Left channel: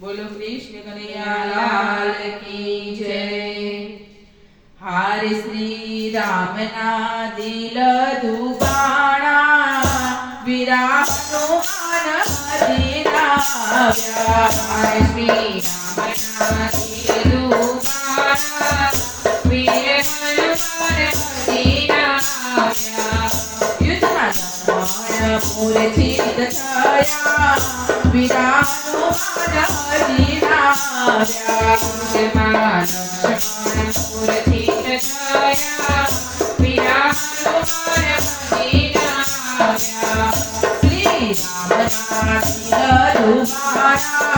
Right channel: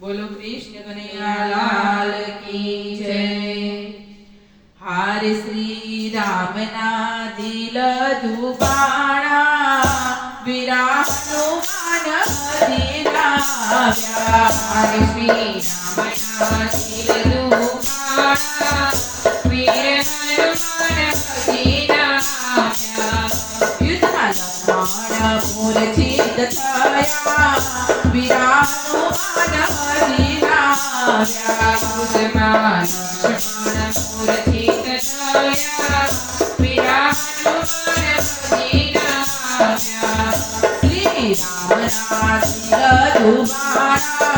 बोलो कृष्ण कन्हैया लाल की जय। हार श्री राम ना दिल दुबाणा वीरा हनुमान हरिराव्या। हार श्री राम ना दिल दुबाणा वीर हनुमान हरिराव्या। युद्ध लक्ष्मण मूर्छित थया वीरा हनुमान हरिराव्या। युष्मान लक्ष्मण मूर्छित थया वीरा हनुमान हरिराव्या। श्री राम ना दिल दुबाणा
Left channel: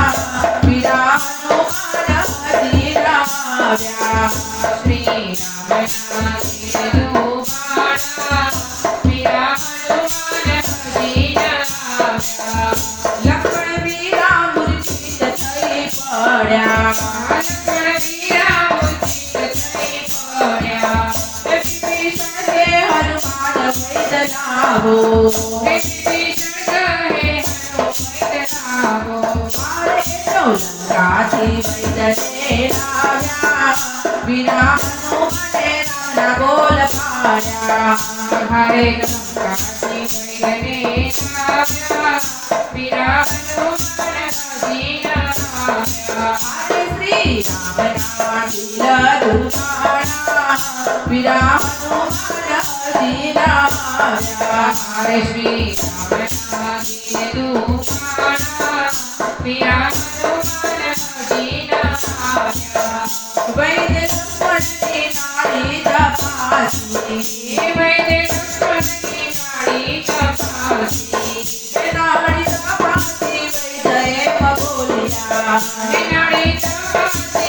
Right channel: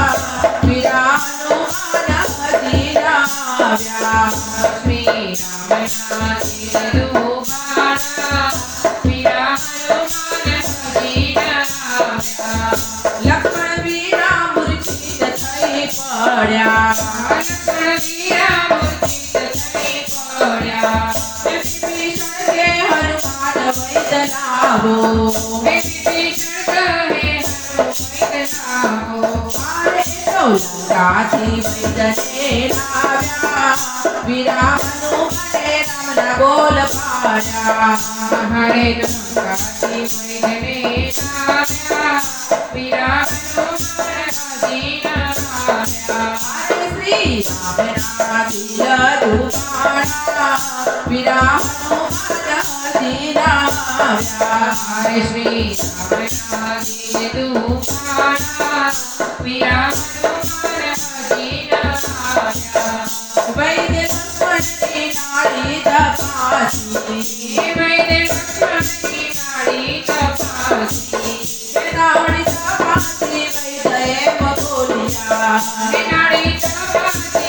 वीरा हनुमान हरिराव्या। श्री राम ना दिल दुबाणा वीरा हनुमान हरिराव्या। लक्ष्मण वीरा मूर्छित थई पड्या। लक्ष्मण वीरा मूर्छित थई पड्या। विभीषण के हनुमान वैद्य लावो। विभीषण कहे हनुमान वैद्य लावो। मारे तो लंकाची वैद्य ने लाव्या। वीरा हनुमान नाम बोल पाड्या। हरे लंकाची वैद्य ने लाव्या। वीरा हनुमान हरिराव्या। हरे श्री राम ना दिल दुबाणा वीरा हनुमान हरिराव्या। हरे श्री राम ना दिल दुबाणा वीरा हनुमान हरिराव्या। वैद्य लक्ष्मण की नाड़ी तपासी। वैद्य लक्ष्मण की नाड़ी तपासी। नाड़ी तपासी वैद्य बोलिया। नाड़ी तपासी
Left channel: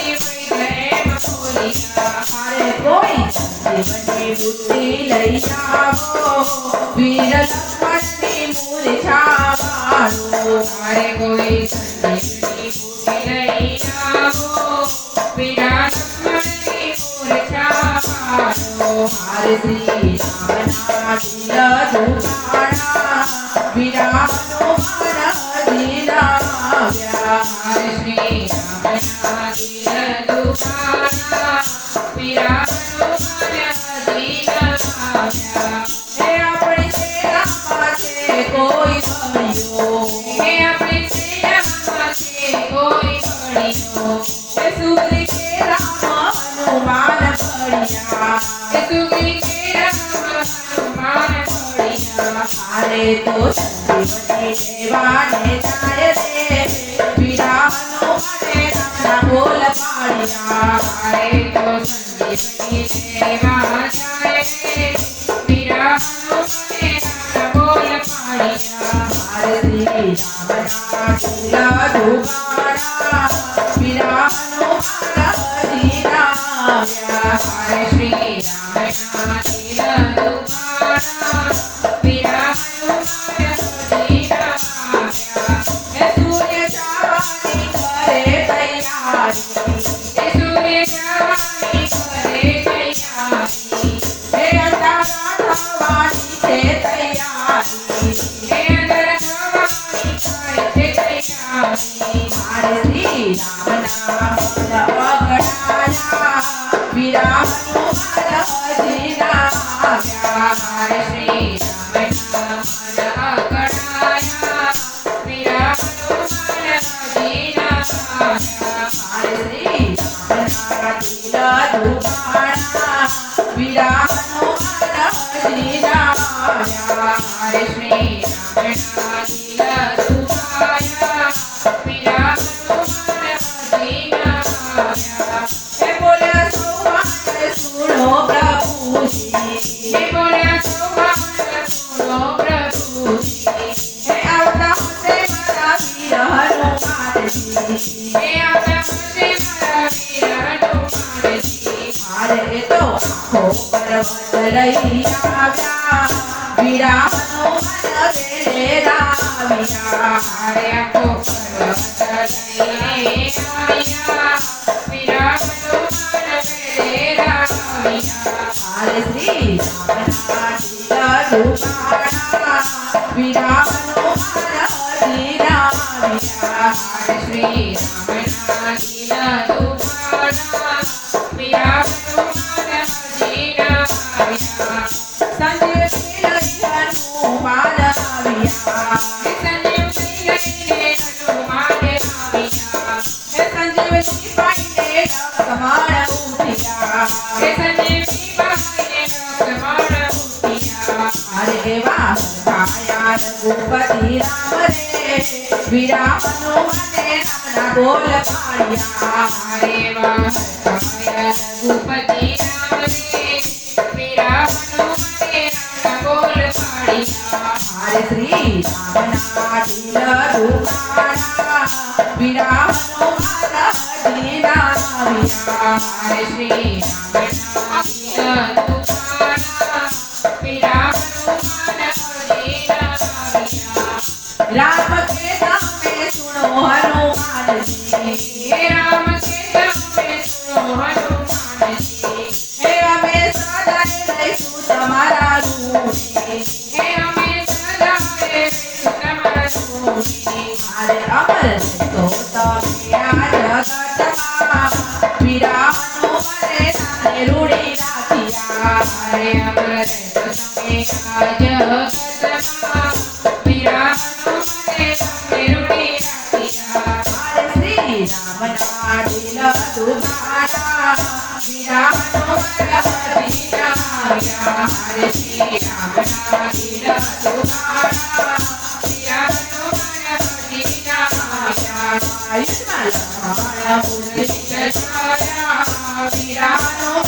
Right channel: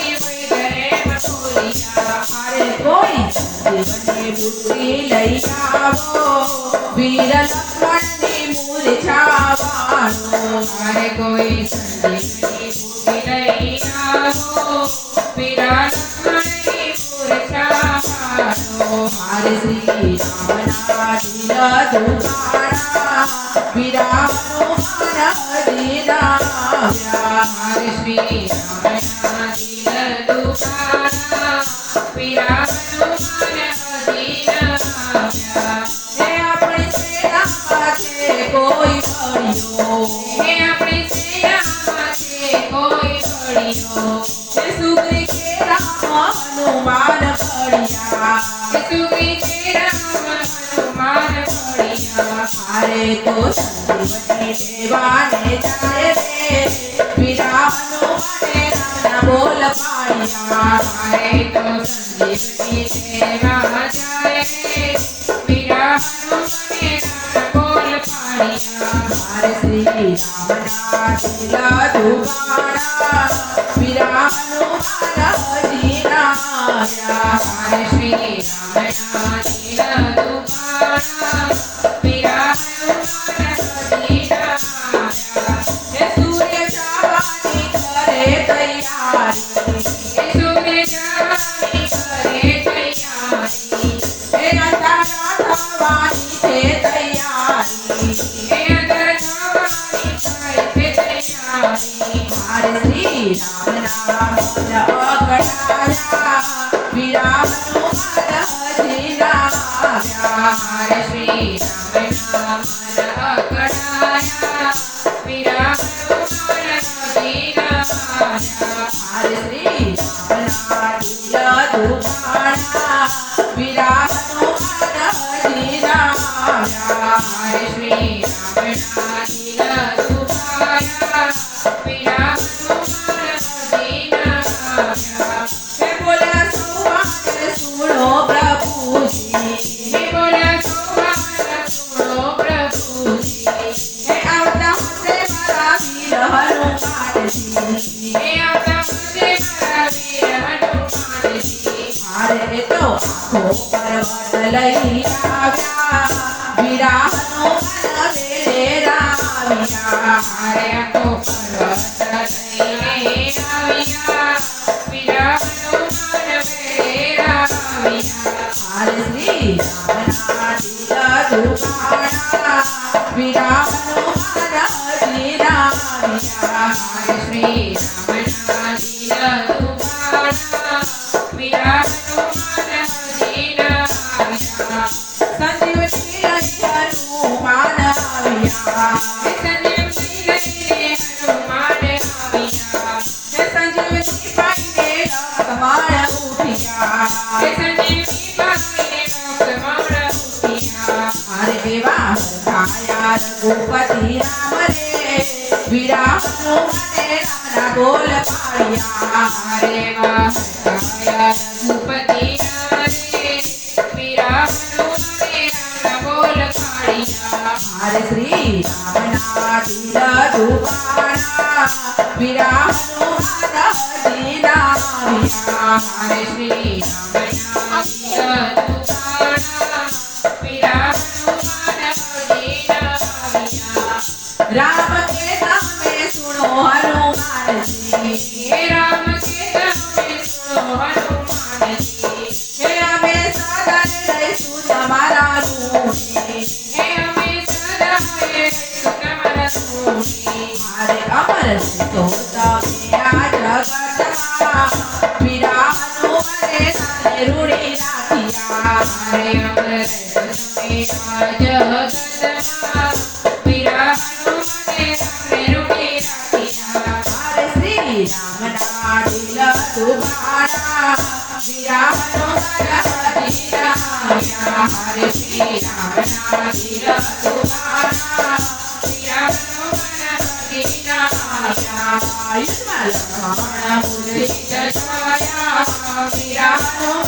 वैद्य बोलिया। अरे कोई संजीवनी बूटी लई आवो। वीर लक्ष्मण की मूर्छा वालो। अरे कोई संजीवनी बूटी लई आवो। वीर लक्ष्मण की मूर्छा वालो। हरे श्री राम ना दिल दुबाणा वीरा हनुमान हरिराव्या। हरे श्री राम ना दिल दुबाणा वीरा हनुमान हरिराव्या। हे अपनी सेना माथे कोई पड़ियो। हे अपनी सेना माथे कोई पड़ियो। हे सुग्री के राम हनुमान पड़िया। हे सुग्री के राम हनुमान पड़िया। हारे तो संजीवनी देवाने जाए रे। वीरा हनुमान नाम बोल पाड़िया। हारे तो संजीवनी देवा जाए रे। वीरा हनुमान नाम बोल पाड़िया। हरे श्री राम ना दिल दुबाणा वीरा हनुमान हरिराव्या। हरे श्री राम ना दिल दुबाणा वीरा हनुमान हरिराव्या। हे सूर्य चावानी करे तैयारी। हे सूर्य चावानी करे तैयारी। हे अंधा चावानी थे तैयारी। हे अंधा चावानी थे तैयारी। हरे श्री राम नाम अगणाया वीरा हनुमान हरिराव्या। हरे श्री राम नाम अगणाया वीरा हनुमान हरिराव्या। हरे श्री राम ना दिल दुबाणा वीरा हनुमान हरिराव्या। हरे श्री राम ना दिल दुबाणा वीरा हनुमान हरिराव्या। हे बोला सोहन सुनो प्रभु जी। हे बोला सोहन सुनो प्रभु जी। हे आवता मुझे मारा वीर हनुमान जी। हे आवता मुझे मारा वीर हनुमान जी। हारे तो आँखों पर्वत लई आव्या। वीरा हनुमान वेले राव्या। हारे आँखों पर्वत लई आव्या। હરે શ્રી રામના દિલ દુખાણા વિરાટનું મન હજીના આવ્યા સંજીવની લઈ હનુમાન આવ્યા સંજીવની લઈને હનુમાન આવ્યા હે સંજીવની પાઈને લખમણ ઉઠ્યા સંજીવની પાઈને લખમણ ઉઠ્યા હરે દેવા ખાયા રઘુપતિ રામ રે વિરામનું મને રામના બોલ પાડ્યા હરે વાહ હરખાયા રઘુપતિ રામ રે વિરામનું મને રામના બોલ પાડ્યા હરે શ્રી રામના દિલ દુખાણા વિરામનું મન હજીના આવ્યા હરે શ્રી રામના દિલ દુખાણા વિરામનું મન હજીના આવ્યા રામ કે તમે સુનો હનુમાનજી હે રામ કે તમે સુનો હનુમાનજી હે અમે સદા રહીશું તમારા રૂપે હે અમે સદા રહીશું તમારા રૂપે મારે અમર તો તમે આ જગતમાં વિરામનો મને સાથે રૂડી રાખ્યા હરે અમર તમે આ જગતમાં વિરામનું મને તમે રૂઢી રાખ્યા મારે શ્રી રામના દિલ દુખાણા વિરામનો મને હજીના આવ્યા હરે શ્રી રામના દિલ દુખાણા